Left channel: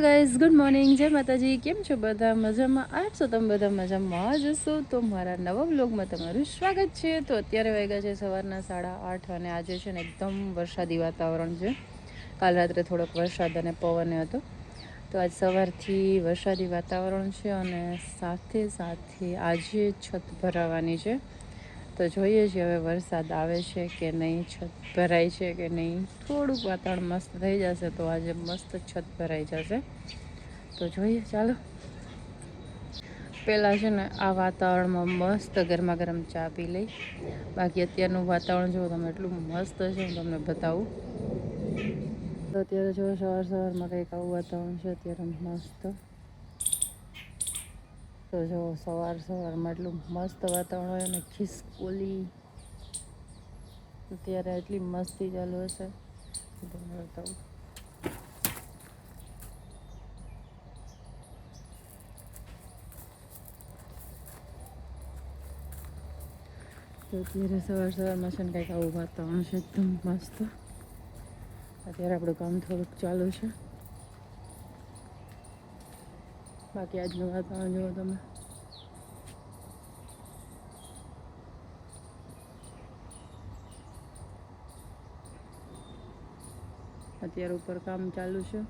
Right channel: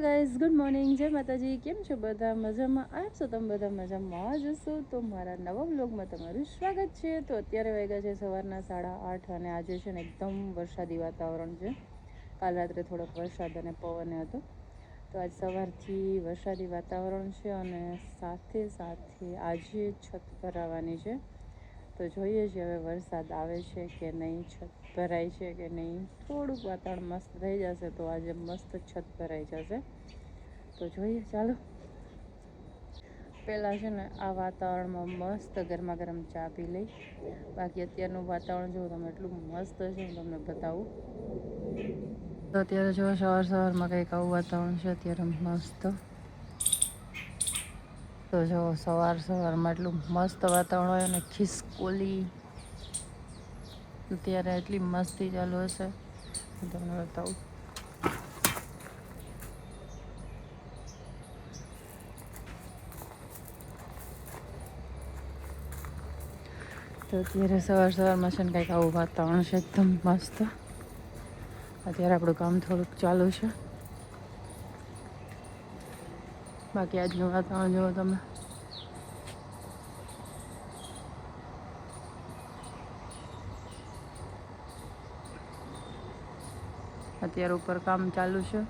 Hello guys, good morning, જય માતાજી. કેમ છો બધા? મજામાં આજ છો તમે બધા? મજામાં જ હશો તો મારા નવા વ્લોગમાં તમારું સ્વાગત છે. તો અત્યારે વાગ્યા છે સવારના 8:30 અને આજે છે ને એકદમ વરસાદી વાતાવરણ છે. કાલ રાત્રે થોડોક વરસાદ અને પવન હતો, તો આજ સવારથી વરસાદી વાતાવરણ છે અને સાથે સાથે આજે છત ભરાવાની છે. તો જોઈએ છીએ હવે વરસાદ આવે છે કે નહીં, છત ભરાય છે કે નહીં. થોડુંક વાતાવરણ મસ્ત થઈ જશે તો આજે મસ્ત છત ભરાઈ જશે. તો જોઈએ, ચાલો. પહેલાં છે ને આ વાતાવરણમાં મસ્ત ગરમા ગરમ ચા પી લઈ. બાકી અત્યારનું વાતાવરણ જો તમે એટલું મસ્ત છે, હું તમને બતાવું. તો અત્યારે જો સવારમાં કંઈક આવું વાતાવરણ છે અત્યારે મસ્ત. તો જો સવારમાં એટલું મસ્ત વાતાવરણ હોય અને ખિસકોલી અત્યારે એટલી મસ્તી ચાલુ હશે, હું તમને બતાવું. તો અત્યારે સવારમાં છે ને કંઈક આવું વાતાવરણ છે એકદમ મસ્ત. અત્યારે આપણું કામ થોડુંક ચાલુ છે, બાકી આજનું વાતાવરણ જુઓ તમે. અત્યારે ઉપર કામ ચાલુ છે.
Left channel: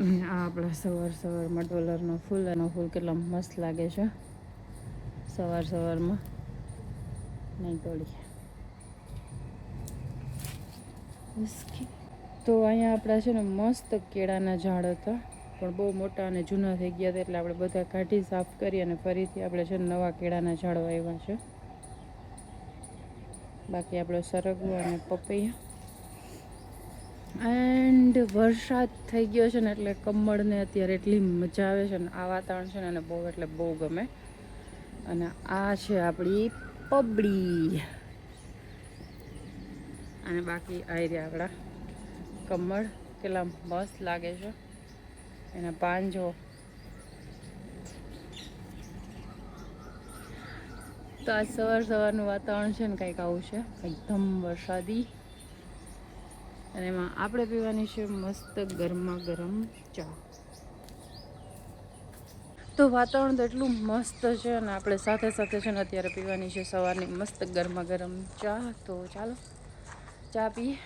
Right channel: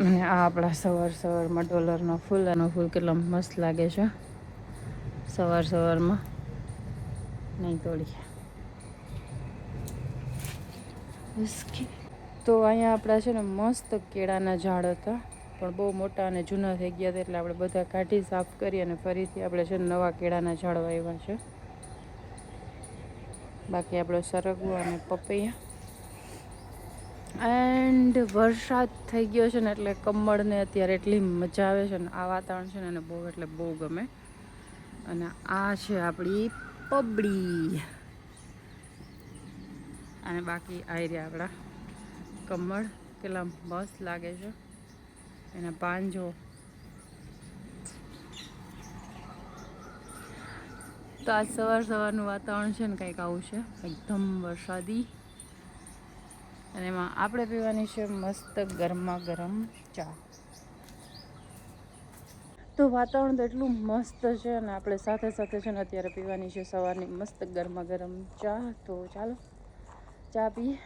અને આ આપણા સવારમાં ડોલરનો ફૂલ, એનો ફૂલ કેટલો મસ્ત લાગે છે સવારમાં. નહીં તોડીએ તો અહીંયા આપણા છે ને મસ્ત કેળાના ઝાડ હતા, પણ બહુ મોટા અને જૂના થઈ ગયા હતા, એટલે આપણે બધા કાઢી સાફ કરી અને ફરીથી આપણે છે ને નવા કેળાના ઝાડ વાવ્યા છે. બાકી આપણો સરગવો અને પપૈયા. એન્ડ વરસાદ થઈ ગયો છે ને એટલે કમળને અત્યારે એટલી મજા આવે છે ને. આ વાતાવરણ છે ને એને બહુ એટલે બહુ ગમે. અને આ છે આપણી પબડી, અને બાકી આવી રહ્યા આપણા કમળ. કેટલા મસ્ત લાગે છે એના પાન જો. તો આ સવારનું વાતાવરણ છે ને કંઈક આવું છે, એકદમ વરસાદી. અને એમાં આપણે પીવાની છે મસ્ત ગરમા ગરમ ચા. તો વાતાવરણ તો એટલું મસ્ત છે અને આપણે સાથે સાથે છે ને અત્યારે પીવાની છે સવારની મસ્ત ગરમા ગરમ ચા. તો ચાલો ચા પીએ,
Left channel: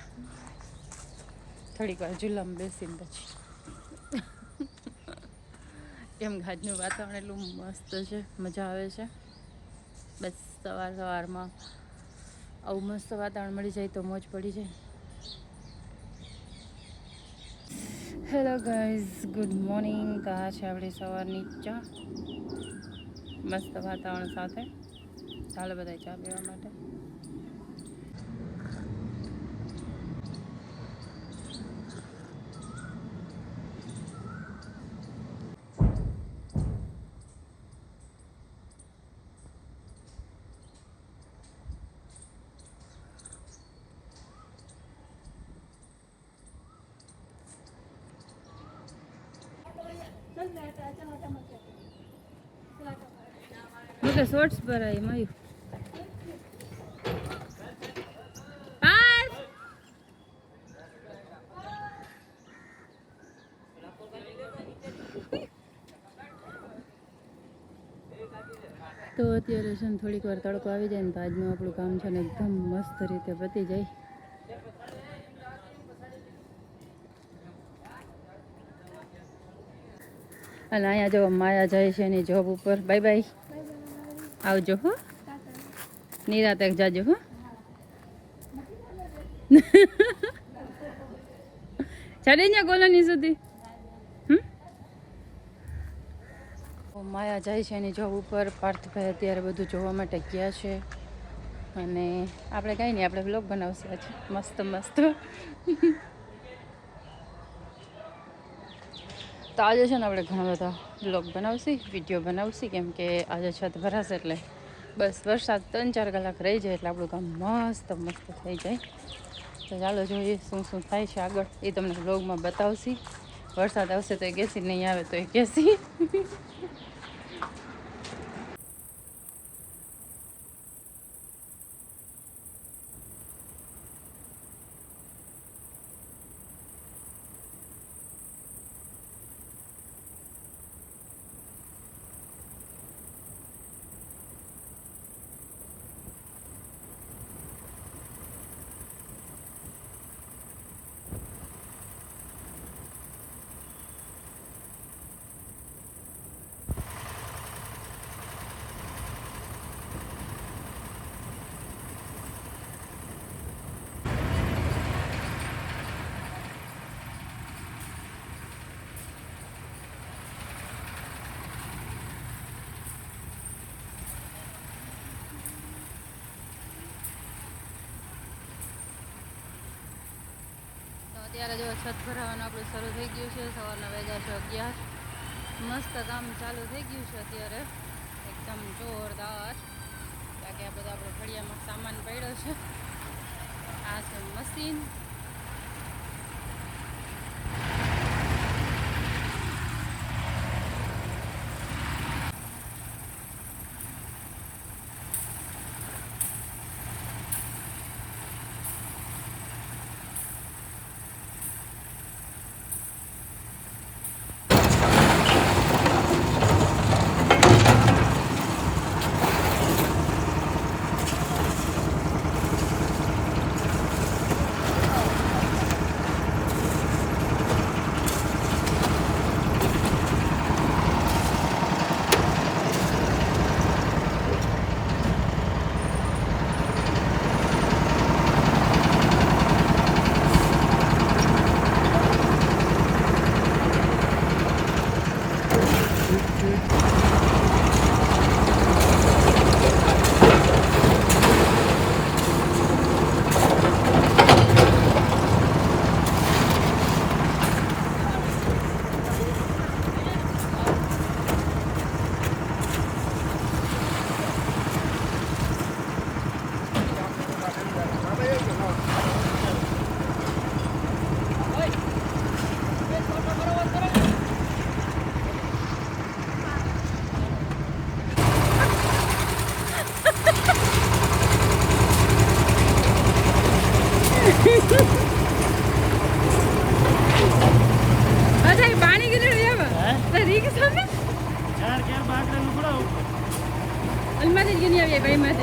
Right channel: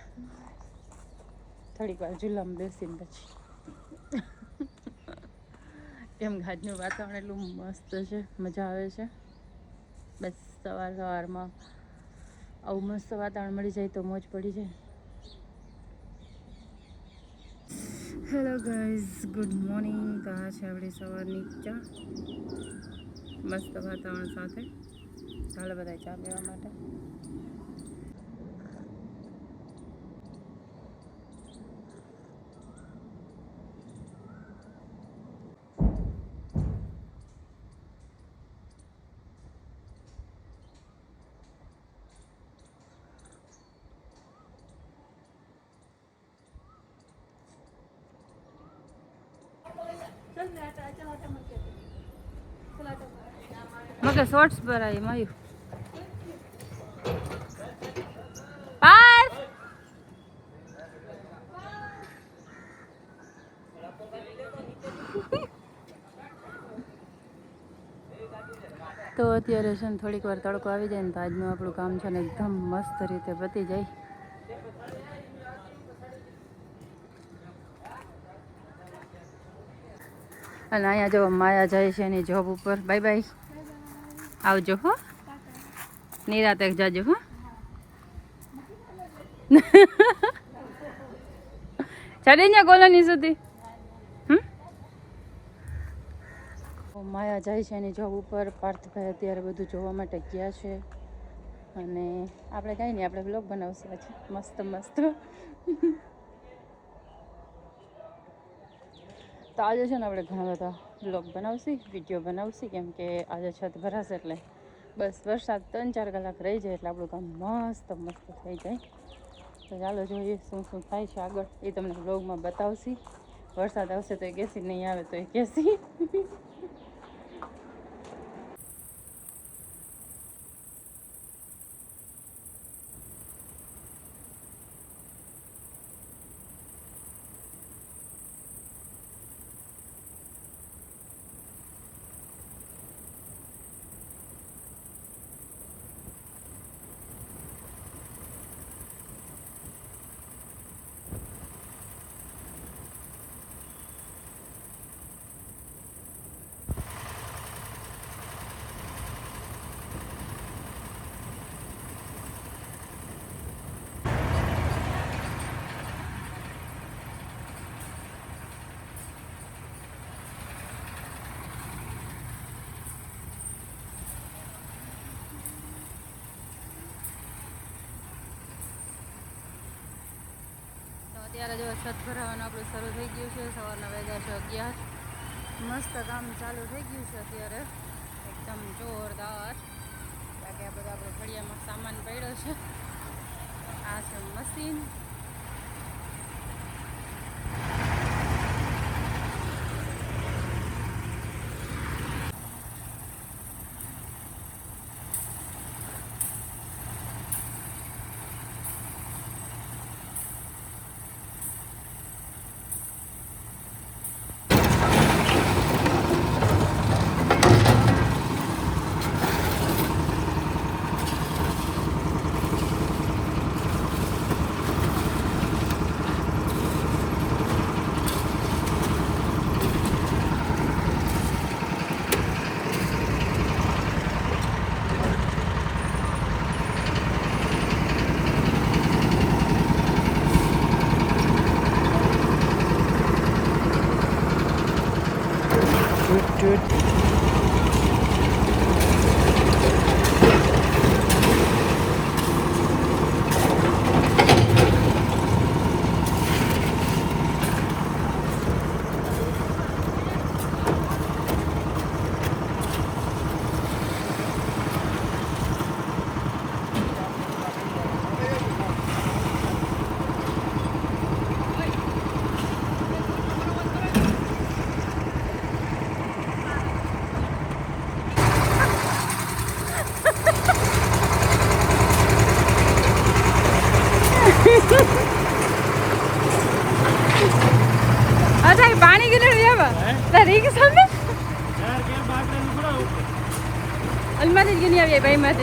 થોડીક વાર ચૂલામાં બેસીને પછી. કેમ આજનું વાતાવરણ એટલું મસ્ત છે, મજા આવે છે. બસ સવારમાં આવું મસ્ત વાતાવરણ મળી જાય તો મોજ પડી જાય. Hello guys, good morning. તો આ છે આપણી સવારની ચા મસ્ત વાતાવરણ સાથે. ચાલો બધા ચા પીવા માટે. ઓકે, શોર્ટ્સ પર આવી માયું. તો અત્યારે છે ને થોડીક વાર તડકો આવી જાય ને તો આજનું આપણું કામ છે ને એકદમ મસ્ત રીતે પતી જાય. અને અહીંયા જો માયા જાય છે એની જોબ ઉપર. બાય બાય, આવજો હો, નિરાતે જાજો હો. ચડી ને કોલોની સુધી. માયા જાય છે એની જોબ ઉપર. પાર્થભાઈ અત્યારે બધું જોવા માટે ગયા છે અને આપણે કાંઈ નહીં, આપણે વ્લોગ બનાવશે આજે મસ્ત મસ્ત. તો આજે છે ને આપણે ઘણા બધા વ્લોગ બનાવશી, વિડીયો બનાવશી, કેમ કે આજે છત ભરાશે એટલે બસ વરસાદ 3-4 કલાક રહી જાય એટલે આપણું કામ મસ્ત મસ્ત થઈ જાય. તો ચાલો જોઈએ શું શું થાય છે આગળ, એ તમને વ્લોગમાં બતાવશી. વરસાદ આવશે તો એ કેસી, નહીં આવે તો એ કેસી. અત્યારે જો છત ભરાવાનું આપણું શરૂ થઈ ગયું છે. સવારના વાગ્યા છે 11. મસ્ત કામ ચાલુ થઈ ગયું છે અત્યારે એકદમ જોરદાર. બાકી આ બધા આપણો ફળિયામાં સામાન પડ્યો છે. આ છે મશીન. अलमारी क्यों नहीं आई भाई मैं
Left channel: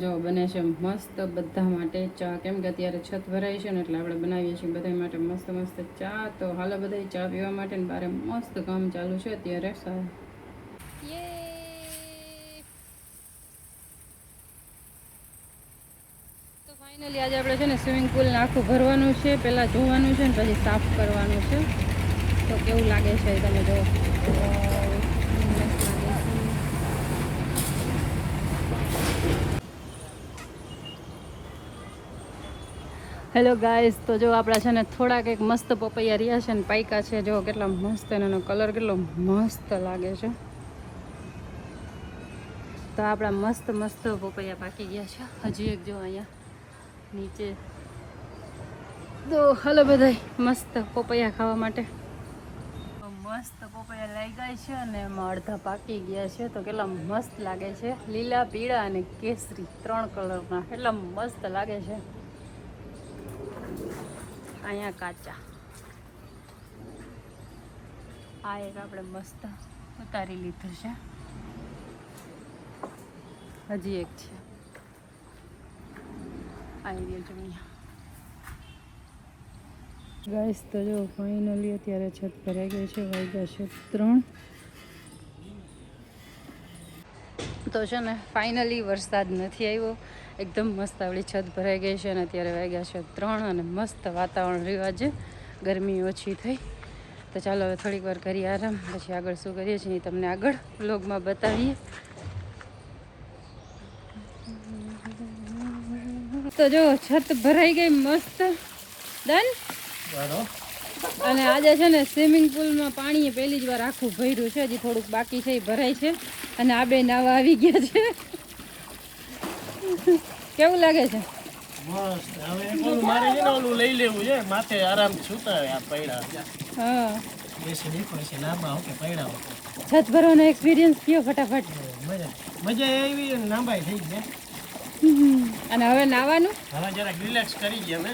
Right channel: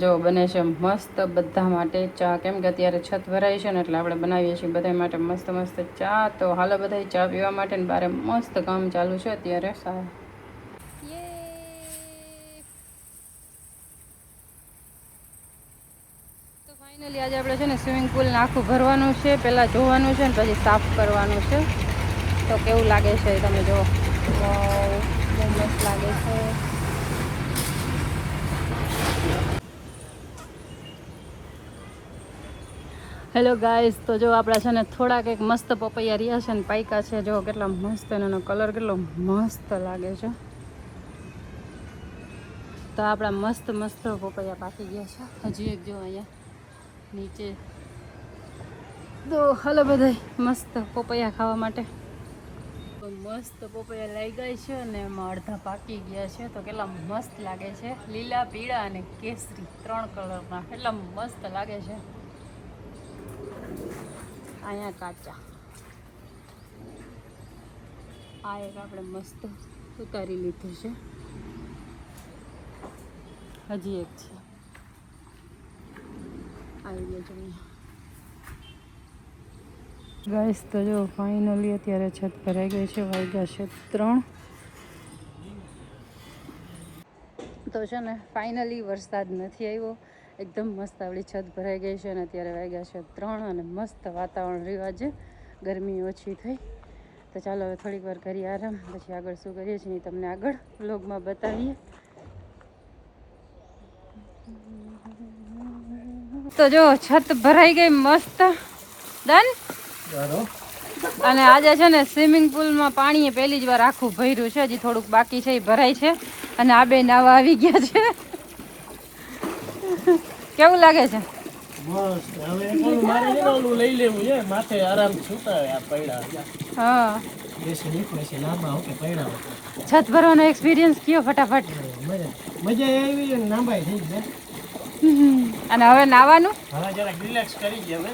જો બને છે મસ્ત બધા માટે ચા. કેમ કે અત્યારે છત ભરાય છે ને એટલે આપણે બનાવીએ છીએ બધા માટે મસ્ત મસ્ત ચા. તો હાલો બધા ચા પીવા માટે ને બારે મસ્ત કામ ચાલુ છે અત્યારે. તો ફાઇનલી આજે આપણે છે ને સ્વિમિંગ પુલને આખું ભરવાનું છે. પહેલાં જોવાનું છે ને પછી સાફ કરવાનું છે. તો કેવું લાગે છે તમે જુઓ, બહુ મસ્ત લાગે છે. હેલો ગાઈસ, તો જો આપણા છે ને થોડાક એક મસ્ત પપૈયા રહ્યા છે ને પાયકા છે. જો કેટલા મસ્ત, એનો કલર કેટલો મસ્ત લાગે છે. તો આપણા મસ્ત મસ્ત પપૈયા પાકી ગયા છે. હજી એક જો અહીંયા નીચે. તો હાલો બધા મસ્ત પપૈયા ખાવા માટે. તો મસ્ત પપૈયા લાગ્યા છે અને એમાં અડધા પાકી ગયા છે. તો કેટલા મસ્ત લાગે છે, લીલા, પીળા અને કેસરી 3 કલરના. કેટલા મસ્ત લાગે છે. અહીંયા કાચા. આ એક આપણે મસ્ત ઉતારી લીધું છે. હજી એક છે, આવી ગયો જોઈએ. ગાઈસ તો જો ફાઇનલી અત્યારે છત ભરાઈ ગઈ છે. વાગ્યા છે 3. તો છે ને ફાઇનલી વરસાદ નથી આવ્યો. એકદમ મસ્ત આપણી છત ભરાઈ ગઈ છે અને અત્યારે વાગ્યા છે 3 અને મસ્ત વાતાવરણ રહ્યું છે. ગરમી ઓછી થઈ. તો ચાલો હવે થોડીક વાર કરીએ આરામ, પછી આગળ શું કરીએ છીએ તમને આગળ વ્લોગમાં બતાવીએ. તો જો છત ભરાઈ ગઈ મસ્ત ડન. અને આજે છે ને સ્વિમિંગ પુલમાં પાણી પહેલી જ વાર આખું ભર્યું છે. હજી થોડુંક બાકી છે, એ ભરાય છે. અને આ બે નાવા આવી ગયા છે. કેવું લાગે છે? મસ્ત. હવે એકલું મારે છે ને ઓલું લઈ લેવું છે, માથે આરામ છૂટાવે આ પૈડા. હા, બેસી નીકળે છે લાંબા ઓકે પૈડા. છત ભરવાનો એક્સપિરિયન્સ કયો ફટાફટ? મજા આવી ને લાંબાઈ થઈ ગયા. અને હવે નાવાનું હવે જરાક રિલેક્સ કરી ગયા અમે.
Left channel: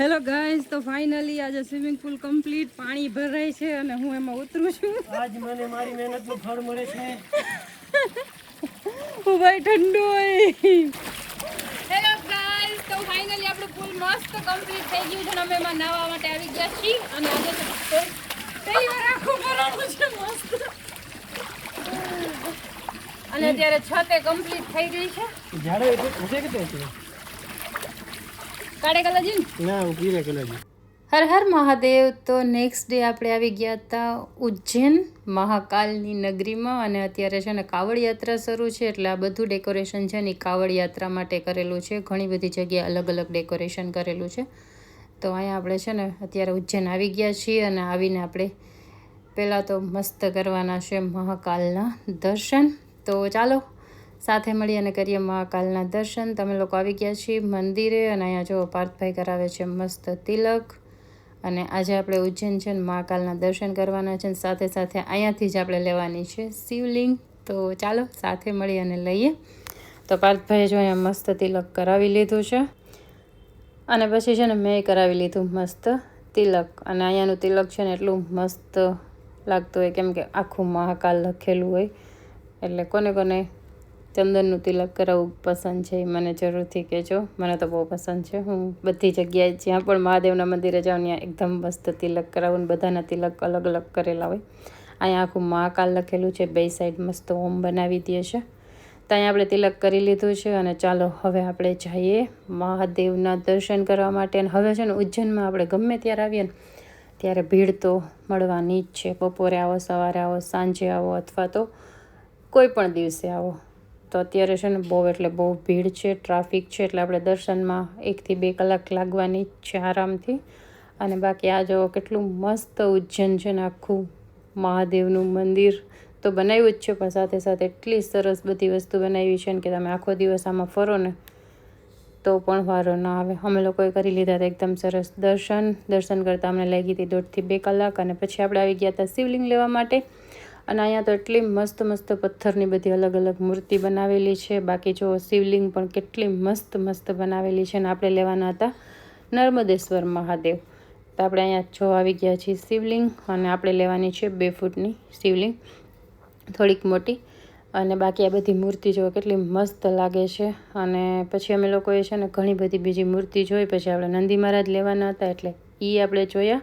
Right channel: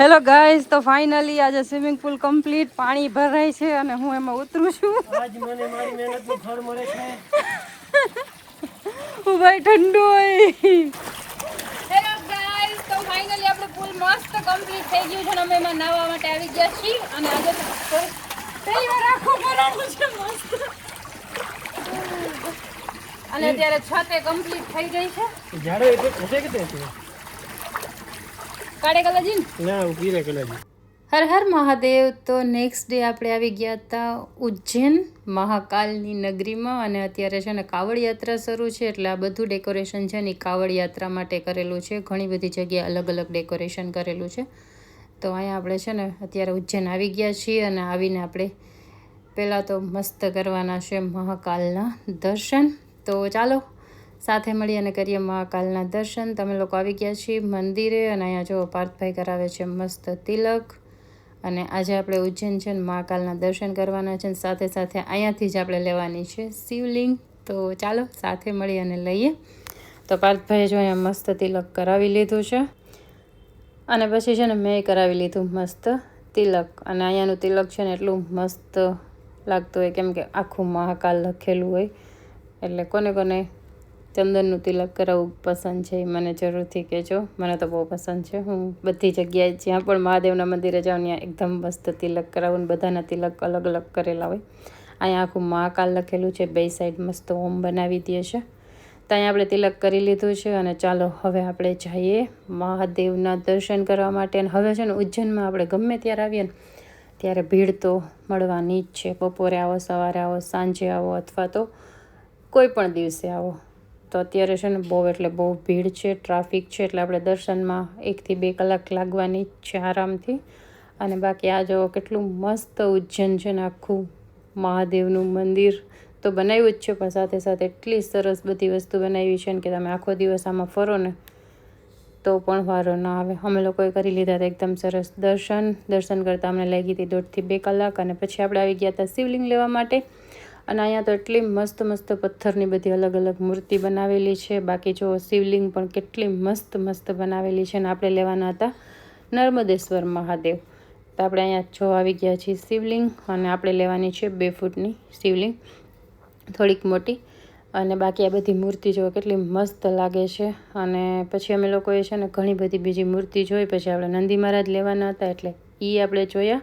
હેલો ગાઈઝ, તો ફાઇનલી આજે સ્વિમિંગ પુલ કમ્પ્લીટ, પાણી ભરાય છે અને હું એમાં ઉતરું છું. આજ મને મારી મહેનતનું ફળ મળે છે. હું ભાઈ ઠંડુ હોય. હેલો ગાઈઝ, તો ફાઇનલી આપણું પુલ મસ્ત કમ્પ્લીટ થઈ ગયું છે અને અમે એમાં નાહવા માટે આવી ગયા છીએ અને આજે પહેલી વાર આખું ભરાણું છે મસ્ત. અને અત્યારે છતે કમ્પ્લીટ થઈ ગઈ છે. ઝાડે એટલે ઉઠે કે તે કાળે કલરજી ના ઉભી રે કલાજી. હર હર મહાદેવ. તો નેક્સ્ટ ડે આપણે આવી ગયા હતા ઉજ્જૈન મહાકાલની નગરીમાં અને અત્યારે છે ને કાવડ યાત્રા શરૂ છે એટલે આ બધું ડેકોરેશન છે ને કાવડ યાત્રા માટે કરેલું છે. ઘણી બધી જગ્યાએ અલગ અલગ ડેકોરેશન કરેલું છે. તો અહીંયા આપણે છે ને અત્યારે ઉજ્જૈન આવી ગયા છીએ અને આવીને આપણે પહેલાં તો મસ્ત કરવાના છે મહાકાલના દર્શન. તો ચાલો સાથે મળી અને કરીએ મહાકાલના દર્શન. તમે લોકો આવી ગયા છીએ મંદિરે અને અહીંયા જો પાર્થભાઈ કરાવે છે મસ્ત તિલક. અને આજે આપણે ઉજ્જૈન છે ને મહાકાલના દર્શન કરવાના છે. સાથે સાથે અહીંયાથી જ આપણે લેવાની છે શિવલિંગ. તો ચાલો સાથે મળી અને લઈએ. તો પાર્થભાઈએ જો અહીંયા મસ્ત તિલક કરાવી લીધું છે અને પછી છે ને મેં કરાવી લીધું મસ્ત તિલક. અને અહીંયાનું તિલક છે ને એટલું મસ્ત લાગતું હોય કેમ કે આખું મહાકાલ લખેલું હોય. એટલે કોને કોને ચંદનનું તિલક કરાવવું પસંદ છે એ મને જરૂરથી કહેજો. મને તો બહુ પસંદ છે. હું બધી જગ્યાએ જ્યાં પણ મહાદેવના મંદિરે જાઉં ત્યાં એકદમ મસ્ત તિલક કરાવું. બધાના તિલક અલગ અલગ કરેલા હોય. અહીંયા આખું મહાકાલ લખેલું છે, બે સાઈડ મસ્ત ઓમ બનાવી દે છે. તો અહીંયા આપણે તિલક કરી લીધું છે અને ચાલો હવે આપણે જઈએ મહાદેવના દર્શન કરવા માટે. અને હવે છે ને ઉજ્જૈનમાં આપણે ગમે ત્યારે આવીએ ને ત્યારે ભીડ તો મળવાની જ છે. બપોરે આવો, સવારે આવો, સાંજે આવો અથવા તો કોઈ પણ દિવસે આવો. તો અત્યારે છે ને બહુ એટલે બહુ ભીડ છે, ટ્રાફિક છે એટલે આપણે દર્શનમાં 1 થી 2 કલાક લાગવાની જ છે આરામથી. અને બાકી આ જો કેટલું મસ્ત ઉજ્જૈન છે ને આખું મહાદેવનું મંદિર તો બનાવ્યું જ છે પણ સાથે સાથે એટલી સરસ બધી વસ્તુ બનાવી છે ને કે તમે આખો દિવસ આમાં ફરો ને તો પણ વારો ના આવે. અમે લોકોએ કરી લીધા હતા એકદમ સરસ દર્શન કરતાં અમને લાગી હતી 1.5 થી 2 કલાક. અને પછી આપણે આવી ગયા હતા શિવલિંગ લેવા માટે. અને અહીંયા તો એટલી મસ્ત મસ્ત પથ્થરની બધી અલગ અલગ મૂર્તિ બનાવેલી છે. બાકી જો શિવલિંગ પણ કેટલી મસ્ત મસ્ત બનાવેલી છે. અને આપણે લેવાના હતા નર્મદેશ્વર મહાદેવ. તો આપણે અહીંયા જો આવી ગયા છીએ શિવલિંગ અને આપણે લેવાની છે 2 ફૂટની શિવલિંગ, થોડીક મોટી. અને બાકી આ બધી મૂર્તિ જો કેટલી મસ્ત લાગે છે. અને પછી અમે લોકોએ છે ને ઘણી બધી બીજી મૂર્તિ જોઈ. પછી આપણે નંદી મહારાજ લેવાના હતા એટલે એ આપણે જોયા.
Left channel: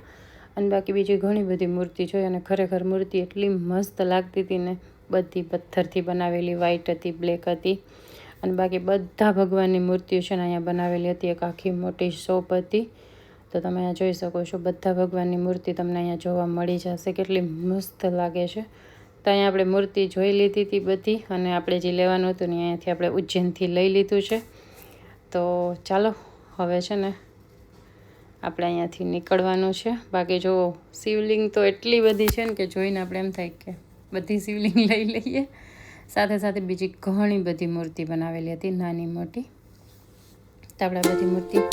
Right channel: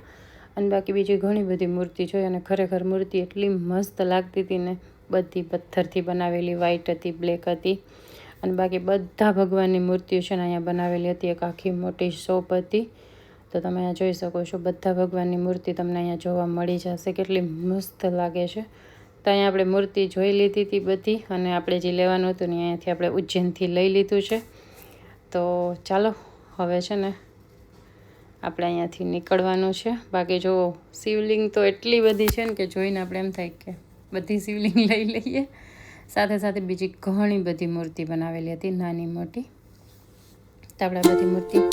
અને બાકી બીજી ઘણી બધી મૂર્તિ જોઈ અને ખરેખર મૂર્તિ એટલી મસ્ત લાગતી હતી ને. બધી પથ્થરથી બનાવેલી, વ્હાઈટ હતી, બ્લેક હતી. અને બાકી બધા ભગવાનની મૂર્તિઓ છે ને અહીંયા બનાવેલી હતી. એક આખી મોટી શોપ હતી. તો તમે અહીંયા જોઈ શકો છો બધા ભગવાનની મૂર્તિ તમને અહીંયા જોવા મળી જશે. કેટલી મસ્ત લાગે છે. તો અહીંયા આપણે મૂર્તિ જોઈ લીધી હતી બધી. અને આપણે જે લેવાનું હતું ને અહીંયાથી આપણે ઉજ્જૈનથી લઈ લીધું છે. તો ચાલો હવે છે ને આપણે અહીંયાથી નીકળવાનું છે. બાકી જો શિવલિંગ તો એટલી બધી છે ને કે જોઈને આપણે એમ થાય કે બધી શિવલિંગ લઈ લઈએ. સાથે સાથે બીજી ઘણી બધી મૂર્તિ બનાવેલી હતી, નાની મોટી. તો આપણે બધી મૂર્તિ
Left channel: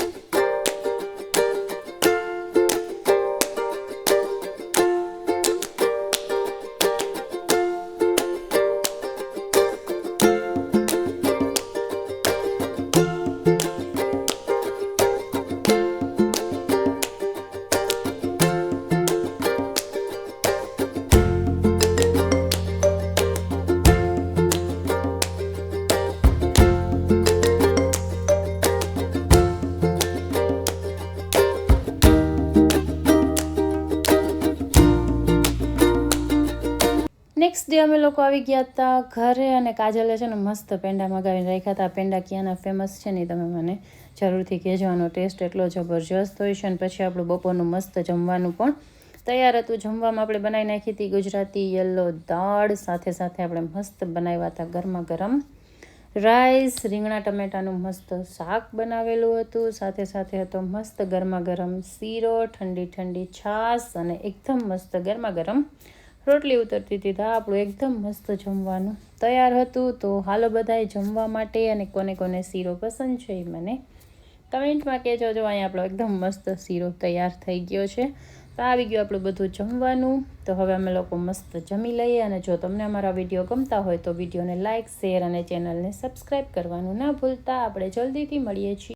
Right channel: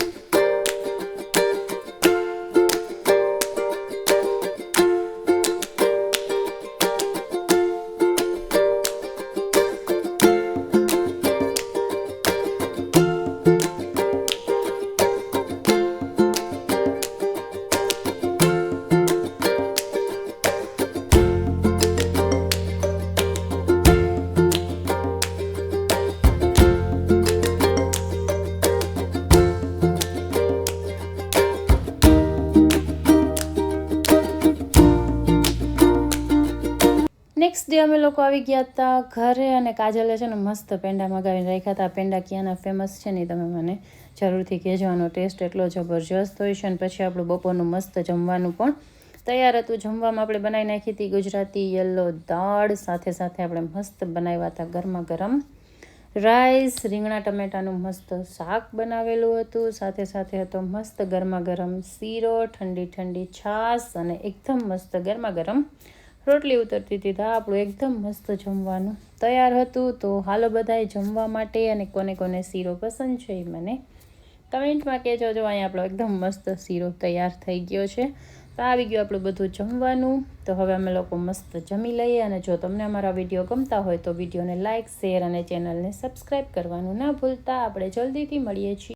નેક્સ્ટ ડે અમે લોકો આવી ગયા હતા ઘરે અને કાજલે છે ને મસ્ત પેંડા મગાવીને રાખ્યા હતા. પેંડા ક્યાંના ફેમસ છે ને તમે મને જરૂરથી કહેજો. આનો ટેસ્ટ એટલો જબરજસ્ત હોય છે. અને પછી આપણું બપોરનું મસ્ત જમવાનું પણ તૈયાર હતું. જમવામાં આપણે બનાવી નાખી હતી ગુજરાતી યલો દાળ. સાથે સાથે આપણે મસ્ત બનાવ્યા હતા ગરમા ગરમ રાઈસ, રીંગણા ટમેટાનું મસ્ત શાક બનાવેલું હતું. સાથે સાથે હતો મસ્ત ગરમા ગરમ શીરો, ઠંડી ઠંડી છાશ અને એકદમ મસ્ત ગરમા ગરમ રોટલી ઉતરતી હતી. તો આપણું એકદમ મસ્ત જમવાનું તૈયાર હતું. તો હાલો બધાએ જમવા માટે. અને કોને કોને શીરો પસંદ છે એ મને કમેન્ટમાં કહેજો. જો અહીંયા આપણો એકદમ મસ્ત શીરો તૈયાર થઈ ગયો છે. તો આવી ગયું આપણું બધું જમવાનું. તો હવે અમે લોકો મસ્ત જમી લઈએ. અને જો તમને અમારા વિડીયો ગમતા હોય તો વિડીયોને લાઇક, શેર અને ચેનલને સબસ્ક્રાઈબ કરવાનું ના ભૂલતા. આપણે જલ્દીથી મળીએ છીએ.